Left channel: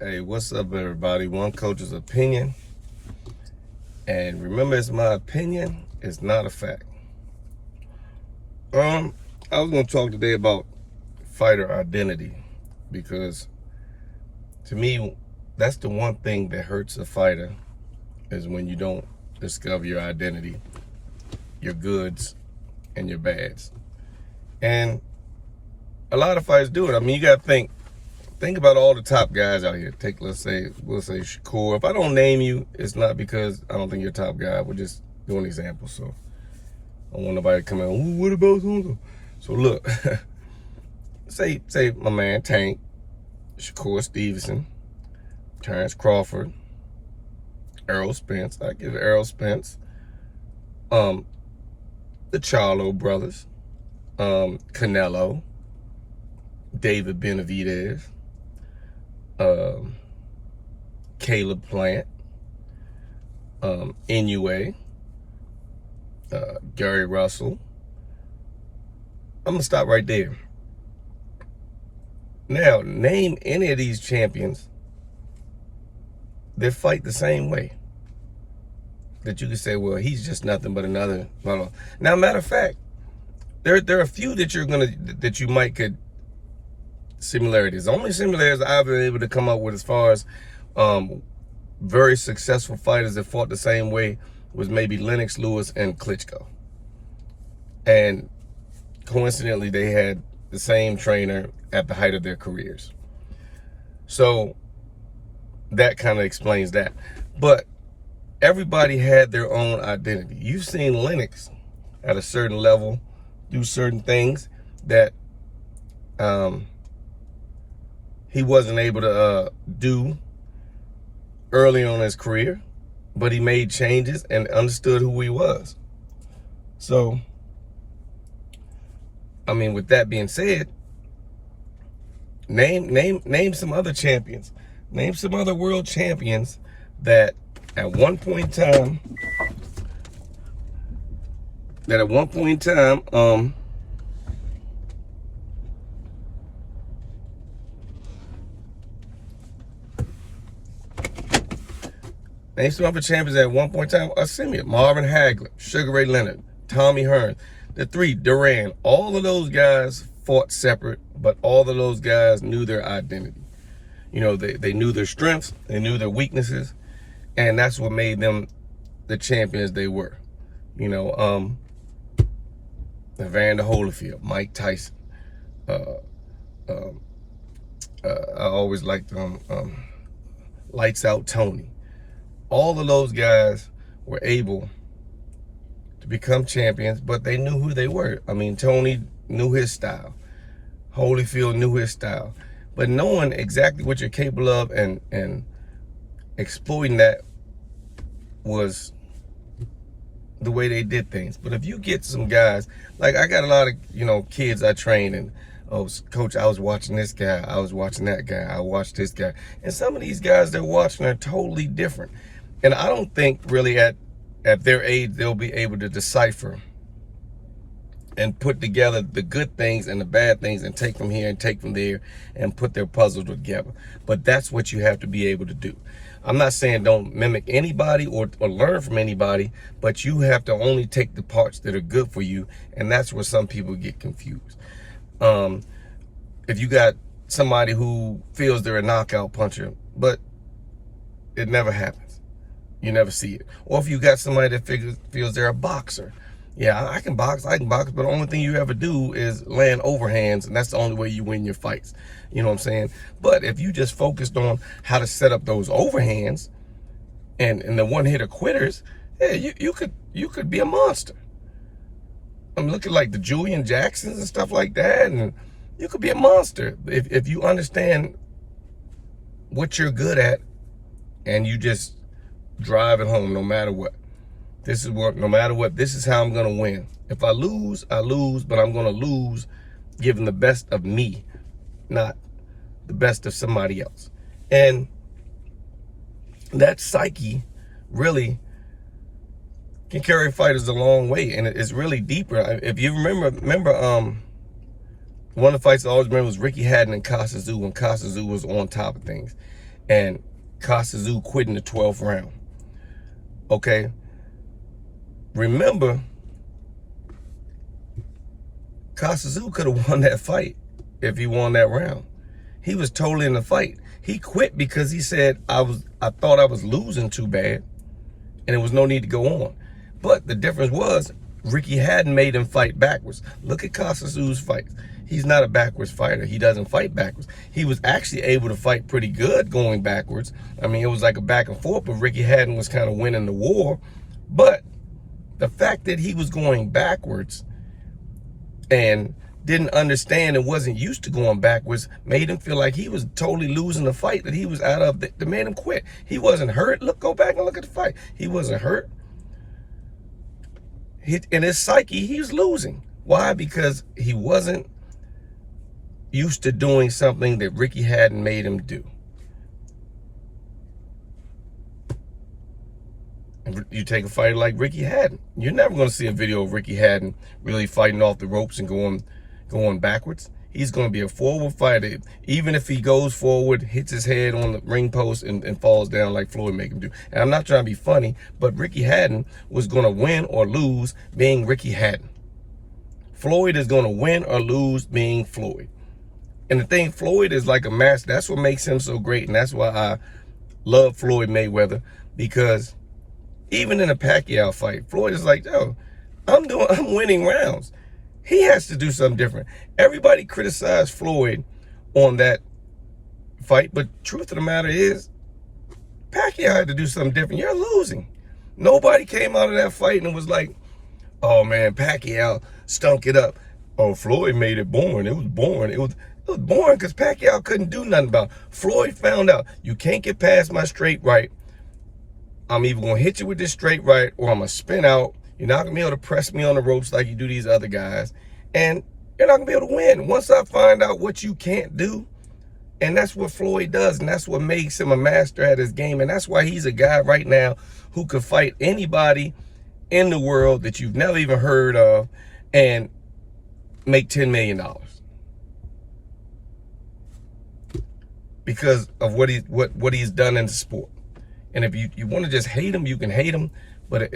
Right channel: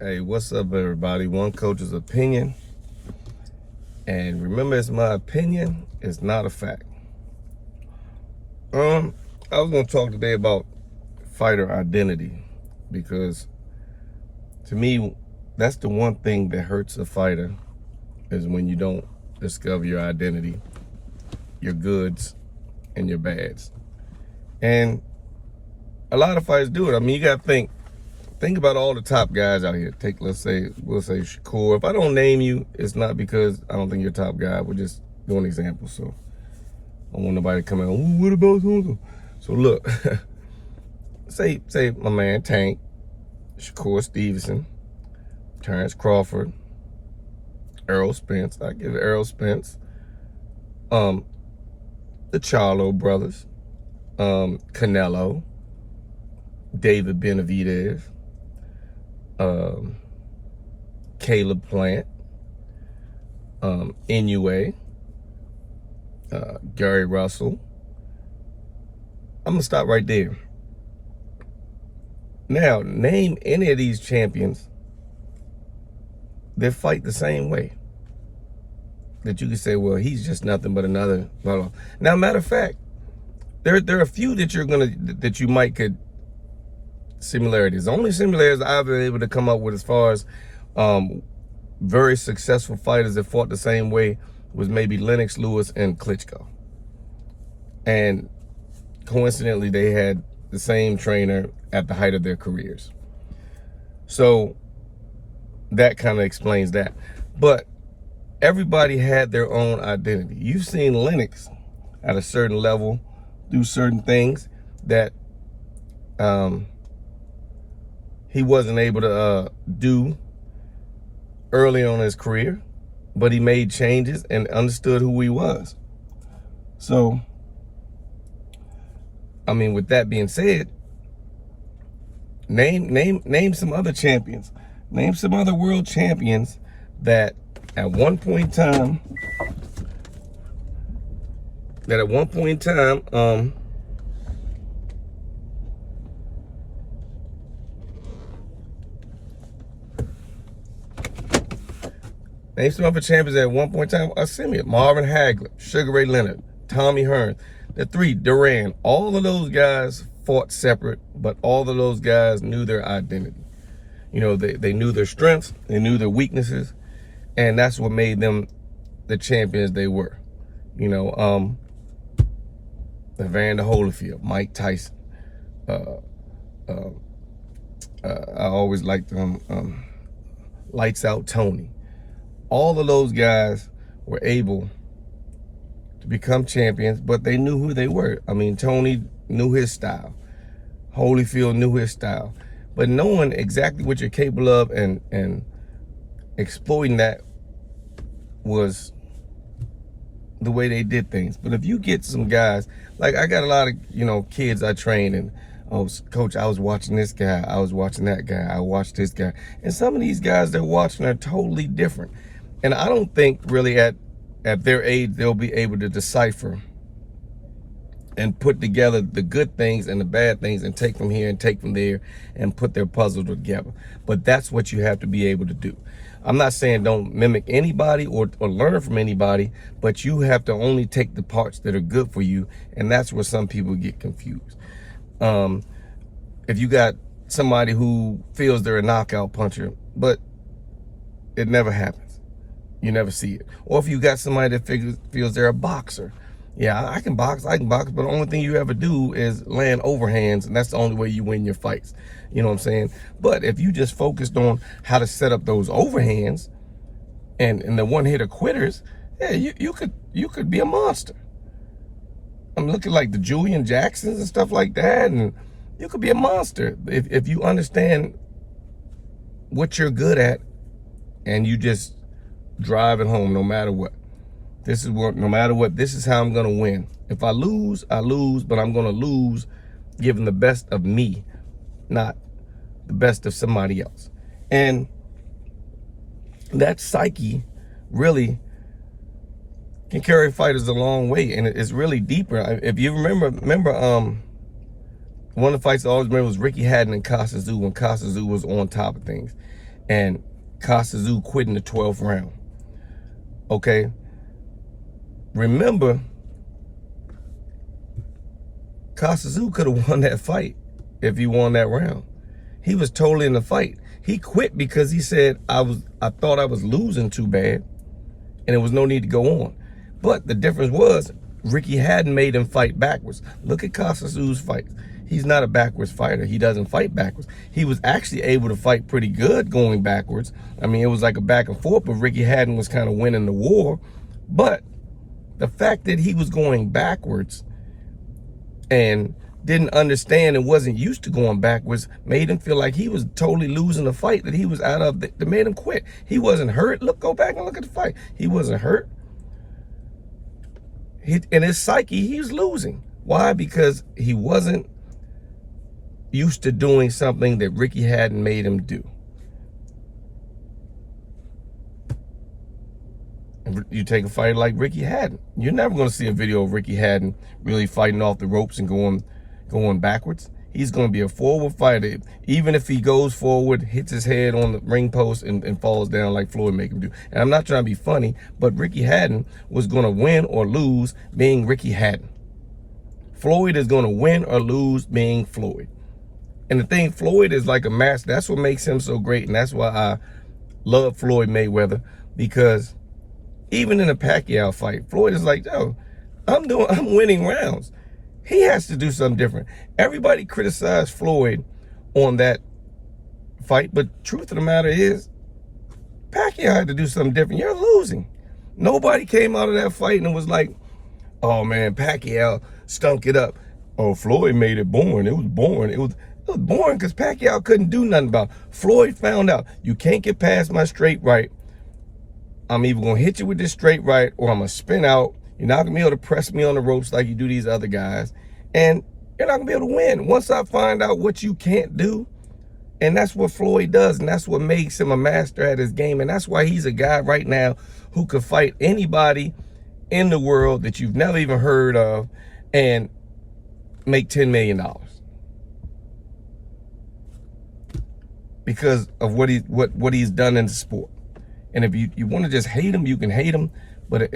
Hey, what's up, everybody? One coach's opinion. And remember, it's my opinion, it's not a fact. I was going to talk today about fighter identity because to me, that's the one thing that hurts a fighter is when you don't discover your identity, your goods, and your bads. And a lot of fighters do it. I mean, you got to think about all the top guys out here. We'll say Shakur. If I don't name you, it's not because I don't think you're a top guy. We're just doing examples. So I don't want nobody to come in. Oh, what about Hunter? So look, say my man Tank, Shakur Stevenson, Terrence Crawford, Errol Spence. I give Errol Spence. The Charlo brothers, Canelo, David Benavidez, Caleb Plant, Inoue, Gary Russell. I'm gonna stop right there. Now, name any of these champions that fight the same way. That you can say, well, he's just nothing but another. Now, matter of fact, there are a few that you might could similarities. The only similarities I've been able to come up with as far as very successful fighters that fought the same way was maybe Lennox Lewis and Klitschko. And coincidentally, they had the same trainer at the height of their careers. So that kind of explains that. But everybody had their own identity. You've seen Lennox at a certain level do certain things that he wasn't able to do early on in his career, but he made changes and understood who he was. So, I mean, with that being said, name some other champions. Name some other world champions that at one point in time, name some other champions at one point in time. Marvin Hagler, Sugar Ray Leonard, Tommy Hearns, the three, Duran. All of those guys fought separate, but all of those guys knew their identity. You know, they knew their strengths, they knew their weaknesses, and that's what made them the champions they were. You know, Evander Holyfield, Mike Tyson. I always liked Lights Out Tony. All of those guys were able to become champions, but they knew who they were. I mean, Tony knew his style. Holyfield knew his style. But knowing exactly what you're capable of and exploiting that was the way they did things. But if you get some guys, like I got a lot of, kids I train and, oh, coach, I was watching this guy, I was watching that guy, I watched this guy. And some of these guys they're watching are totally different. And I don't think really at their age they'll be able to decipher and put together the good things and the bad things and take from here and take from there and put their puzzle together. But that's what you have to be able to do. I'm not saying don't mimic anybody or learn from anybody, but you have to only take the parts that are good for you, and that's where some people get confused. If you got somebody who feels they're a knockout puncher, but it never happens. You never see it. Or if you got somebody that feels they're a boxer. Yeah, I can box, but the only thing you ever do is land overhands, and that's the only way you win your fights. You know what I'm saying? But if you just focused on how to set up those overhands and the one-hitter quitters, yeah, you could be a monster. I'm looking like the Julian Jacksons and stuff like that, and you could be a monster if you understand what you're good at and you just drive it home no matter what. No matter what, this is how I'm gonna win. If I lose, I lose, but I'm gonna lose giving the best of me, not the best of somebody else. And that psyche really can carry fighters a long way, and it's really deeper. If you remember one of the fights I always remember was Ricky Hatton and Kostya Tszyu when Kostya Tszyu was on top of things. and Kostya Tszyu quit in the 12th round. Okay? Remember, Kostya Tszyu could have won that fight if he won that round. He was totally in the fight. He quit because he said, I thought I was losing too bad, and there was no need to go on. But the difference was, Ricky Hatton made him fight backwards. Look at Kostya Tszyu's fights. He's not a backwards fighter. He doesn't fight backwards. He was actually able to fight pretty good going backwards. I mean, it was like a back and forth, but Ricky Hatton was kind of winning the war. But the fact that he was going backwards and didn't understand and wasn't used to going backwards made him feel like he was totally losing the fight that he was out of, that made him quit. He wasn't hurt. Look, go back and look at the fight. He wasn't hurt. In his psyche, he was losing. Why? Because he wasn't used to doing something that Ricky Hatton made him do. You take a fighter like Ricky Hatton, you're never going to see a video of Ricky Hatton really fighting off the ropes and going backwards. He's going to be a forward fighter. Even if he goes forward, hits his head on the ring post and falls down like Floyd make him do. And I'm not trying to be funny, but Ricky Hatton was going to win or lose being Ricky Hatton. Floyd is going to win or lose being Floyd. And the thing, Floyd is like a master. That's what makes him so great. And that's why I love Floyd Mayweather, because even in a Pacquiao fight, Floyd is like, yo, I'm winning rounds. He has to do something different. Everybody criticized Floyd on that fight, but truth of the matter is, Pacquiao had to do something different. You're losing. Nobody came out of that fight and was like, oh man, Pacquiao stunk it up. Oh, Floyd made it boring. It was boring. It was boring because Pacquiao couldn't do nothing about it. Floyd found out, you can't get past my straight right. I'm either going to hit you with this straight right or I'm going to spin out. You're not going to be able to press me on the ropes like you do these other guys. And you're not going to be able to win. Once I find out what you can't do, and that's what Floyd does, and that's what makes him a master at his game, and that's why he's a guy right now who could fight anybody in the world that you've never even heard of and make $10 million. Because of what he's done in the sport. And if you want to just hate him, you can hate him. But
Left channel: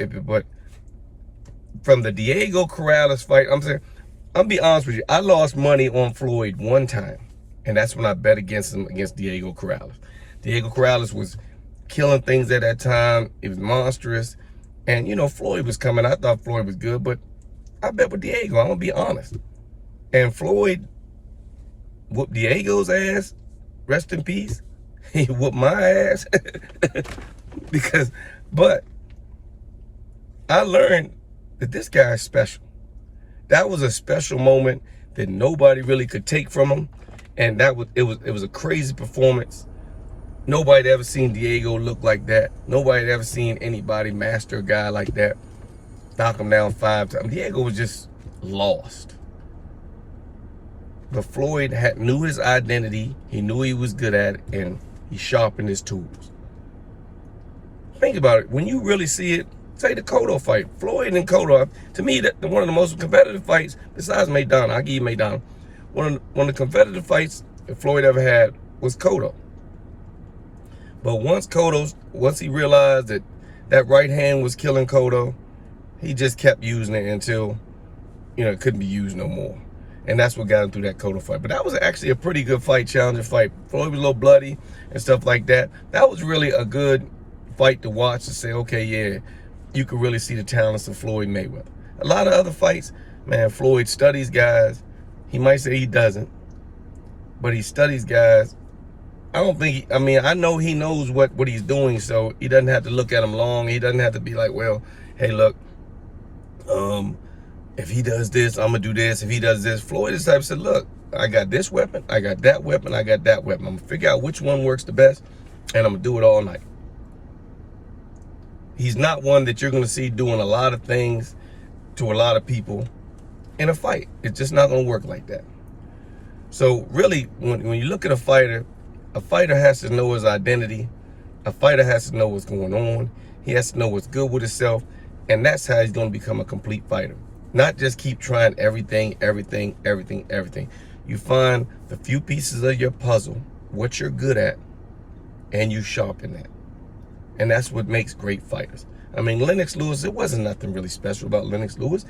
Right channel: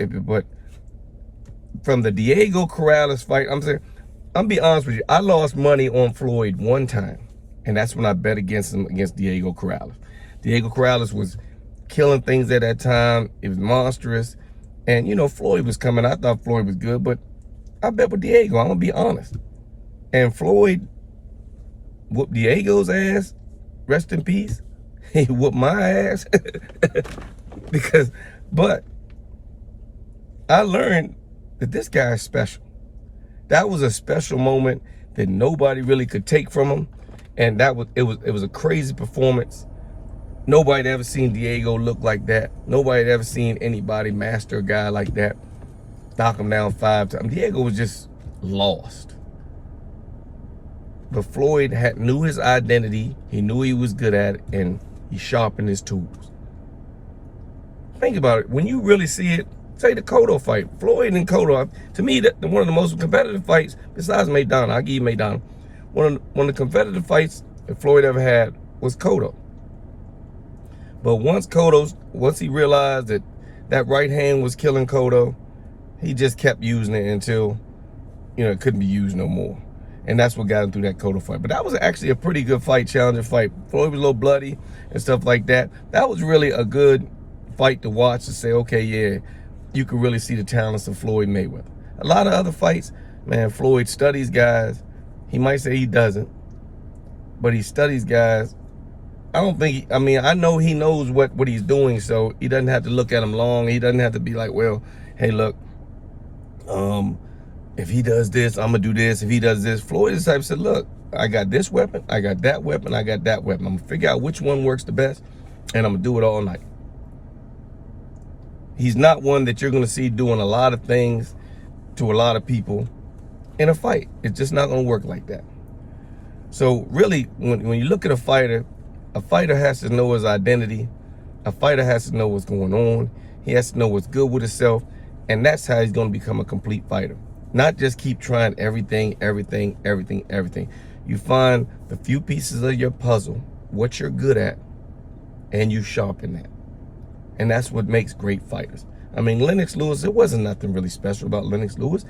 from the Diego Corrales fight, I'm be honest with you, I lost money on Floyd one time. And that's when I bet against him, against Diego Corrales. Diego Corrales was killing things at that time. It was monstrous. And, you know, Floyd was coming. I thought Floyd was good, but I bet with Diego, I'm going to be honest. And Floyd whooped Diego's ass. Rest in peace. He whooped my ass. But I learned that this guy is special. That was a special moment that nobody really could take from him. And it was a crazy performance. Nobody had ever seen Diego look like that. Nobody had ever seen anybody master a guy like that. Knock him down 5 times. Diego was just lost. But Floyd knew his identity. He knew he was good at it, and he sharpened his tools. Think about it. When you really see it, say the Cotto fight. Floyd and Cotto, to me, one of the most competitive fights, besides Maidana. I'll give you Maidana. One of the competitive fights that Floyd ever had was Cotto. But once he realized that right hand was killing Cotto, he just kept using it until, you know, it couldn't be used no more. And that's what got him through that Cotto fight. But that was actually a pretty good fight, challenging fight. Floyd was a little bloody and stuff like that. That was really a good fight to watch, to say, okay, yeah, you could really see the talents of Floyd Mayweather. A lot of other fights, man, Floyd studies guys. He might say he doesn't, but he studies guys. I know he knows what he's doing, so he doesn't have to look at them long. He doesn't have to be like, well, hey, look, if he does this, I'm going to do this. If he does this, Floyd is the type that said, look, I got this weapon, I got that weapon, I got that weapon. I'm going to figure out which one works the best, and I'm going to do it all night. He's not one that you're going to see doing a lot of things to a lot of people in a fight. It's just not going to work like that. So really, when you look at a fighter has to know his identity. A fighter has to know what's going on. He has to know what's good with himself. And that's how he's going to become a complete fighter. Not just keep trying everything. You find the few pieces of your puzzle, what you're good at, and you sharpen that. And that's what makes great fighters. I mean, Lennox Lewis, it wasn't nothing really special about Lennox Lewis.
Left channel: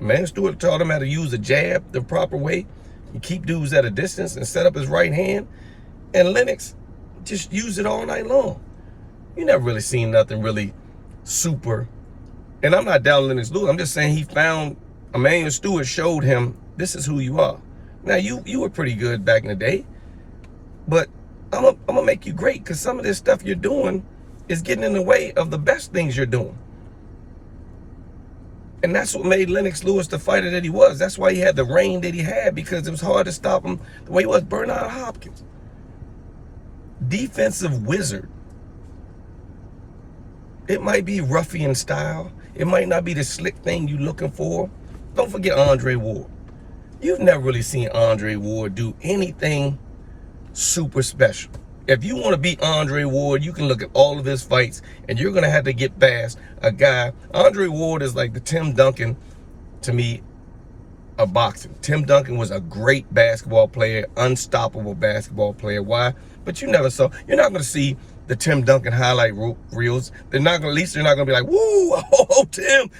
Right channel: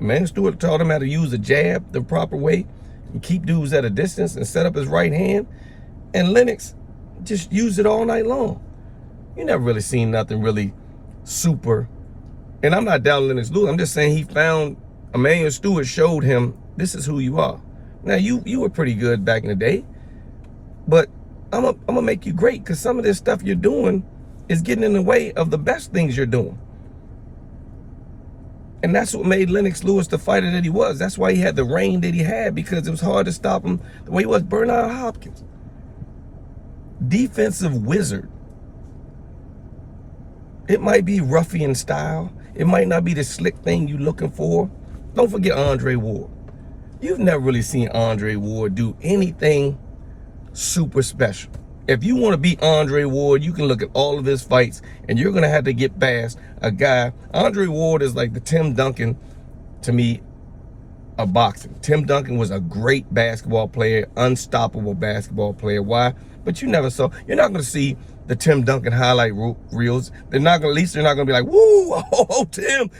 Emanuel Steward taught him how to use the jab the proper way and keep dudes at a distance and set up his right hand. And Lennox just used it all night long. You never really seen nothing really super. And I'm not down Lennox Lewis. I'm just saying he found, Emanuel Steward showed him, this is who you are. Now, you were pretty good back in the day, but I'm gonna make you great, because some of this stuff you're doing is getting in the way of the best things you're doing. And that's what made Lennox Lewis the fighter that he was. That's why he had the reign that he had, because it was hard to stop him the way he was. Bernard Hopkins, defensive wizard. It might be ruffian style. It might not be the slick thing you're looking for. Don't forget Andre Ward. You've never really seen Andre Ward do anything super special. If you want to beat Andre Ward, you can look at all of his fights, and you're going to have to get past a guy. Andre Ward is like the Tim Duncan, to me, of boxing. Tim Duncan was a great basketball player, unstoppable basketball player. Why? But you're not going to see the Tim Duncan highlight reels. They're not going to, at least they're not going to be like, woo, oh, Tim.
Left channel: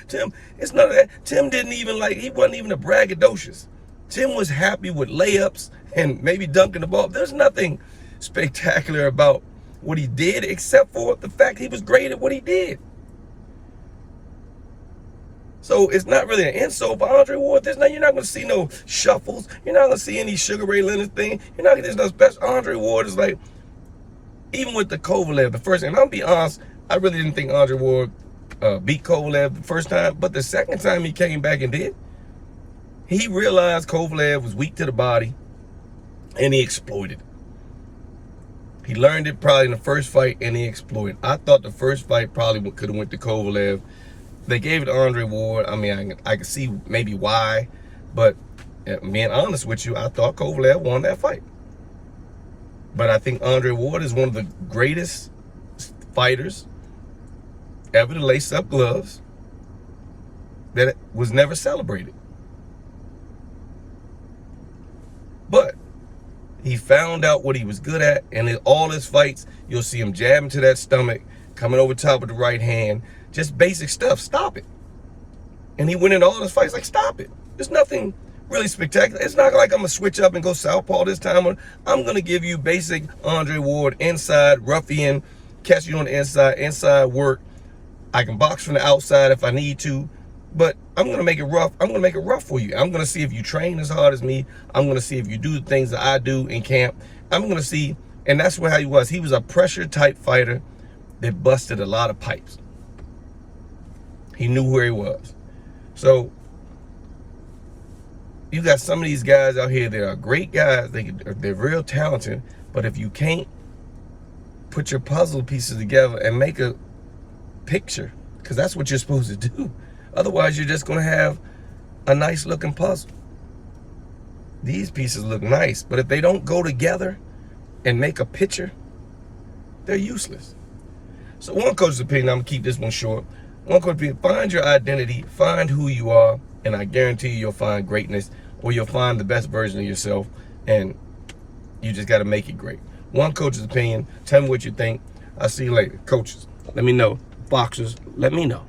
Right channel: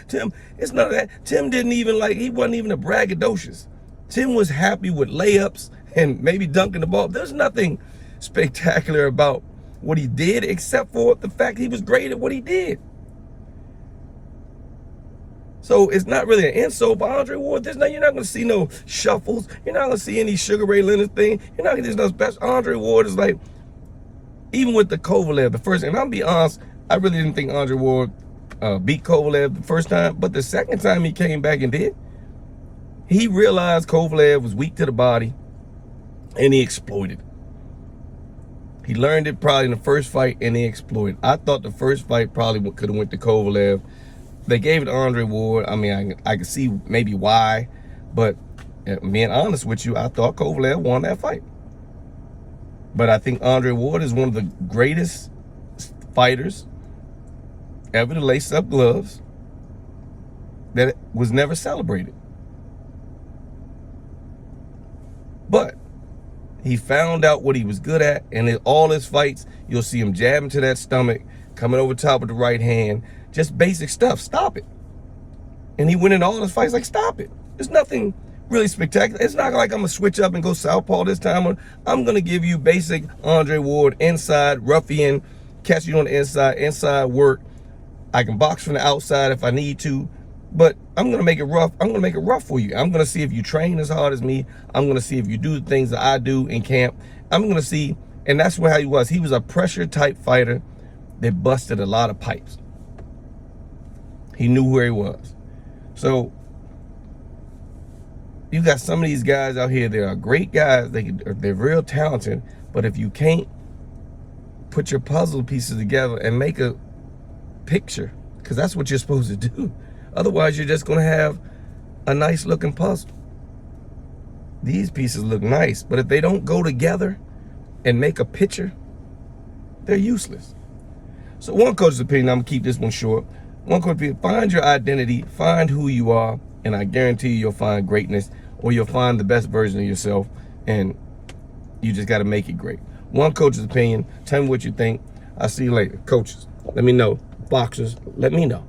It's none of that. Tim didn't even he wasn't even a braggadocious. Tim was happy with layups and maybe dunking the ball. There's nothing spectacular about what he did, except for the fact he was great at what he did. So it's not really an insult for Andre Ward. You're not going to see no shuffles. You're not going to see any Sugar Ray Leonard thing. You're not going to see no special. Andre Ward is like, even with the Kovalev, the first, and I'll be honest, I really didn't think Andre Ward beat Kovalev the first time, but the second time he came back and did, he realized Kovalev was weak to the body, and he exploited. He learned it probably in the first fight, and he exploited. I thought the first fight probably could have went to Kovalev. They gave it to Andre Ward. I mean, I can see maybe why, but being honest with you, I thought Kovalev won that fight. But I think Andre Ward is one of the greatest fighters ever to lace up gloves that was never celebrated. But he found out what he was good at, and in all his fights, you'll see him jabbing to that stomach, coming over top with the right hand, just basic stuff. Stop it. And he went in all his fights like, stop it. There's nothing really spectacular. It's not like I'm going to switch up and go southpaw this time. I'm going to give you basic Andre Ward, inside, ruffian, catch you on the inside work. I can box from the outside if I need to, but I'm going to make it rough. I'm going to make it rough for you. I'm going to see if you train as hard as me. I'm going to see if you do the things that I do in camp. I'm going to see, and that's how he was. He was a pressure type fighter that busted a lot of pipes. He knew where he was. So you got some of these guys out here that are great guys. They're real talented, but if you can't put your puzzle pieces together and make a picture, because that's what you're supposed to do. Otherwise, you're just going to have a nice looking puzzle. These pieces look nice, but if they don't go together and make a picture, they're useless. So one coach's opinion, I'm going to keep this one short. One coach's opinion, find your identity, find who you are, and I guarantee you'll find greatness, or you'll find the best version of yourself, and you just got to make it great. One coach's opinion. Tell me what you think. I'll see you later. Coaches, let me know. Boxers, let me know.